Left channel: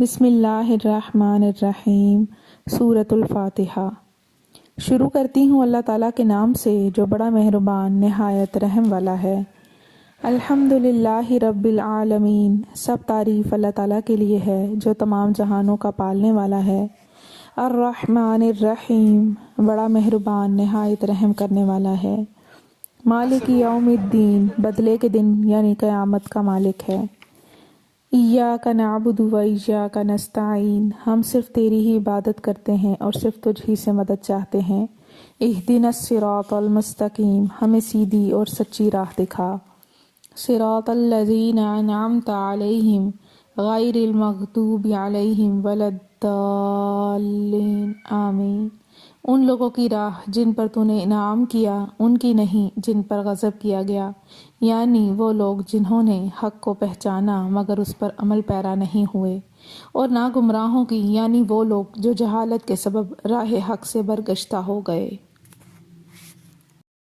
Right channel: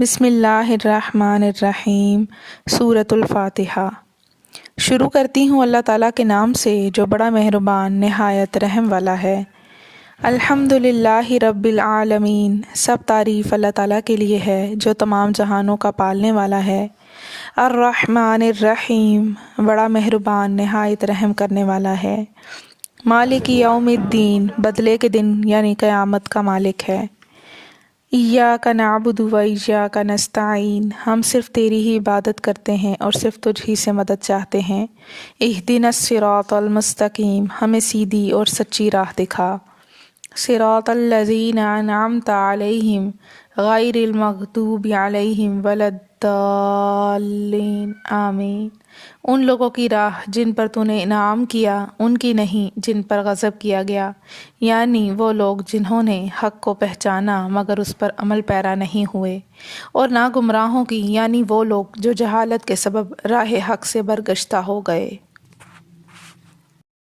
بسم اللہ الرحمن الرحیم۔ سورۃ الفاتحہ۔ شروع کرتی ہوں اللہ تعالیٰ کے نام سے جو بڑا مہربان نہایت رحم والا ہے۔ الحمد للہ رب العالمین، سب تعریف اللہ تعالیٰ کے لیے ہے جو تمام جہانوں کا پالنے والا ہے۔ الرحمن الرحیم، بڑا مہربان نہایت رحم کرنے والا ہے۔ مالک یوم الدین، بدلے کے دن یعنی قیامت کا مالک ہے۔ ایاک نعبد و ایاک نستعین، ہم صرف تیری ہی عبادت کرتے ہیں اور صرف تجھ ہی سے مدد چاہتے ہیں۔ اہدنا الصراط المستقیم، ہمیں سیدھی اور سچی راہ دکھا۔ صراط الذین انعمت علیہم غیر المغضوب علیہم ولا الضالین، آمین۔ ان لوگوں کی راہ جن پر تو نے انعام کیا، ان کی نہیں جن پر غضب کیا گیا، یعنی وہ لوگ جنہوں نے حق کو پہچانا مگر اس پر عمل پیرا نہیں ہوئے، اور نہ گمراہوں کی یعنی وہ لوگ جو جہالت کے سبب راہ حق سے برگشتہ ہو گئے۔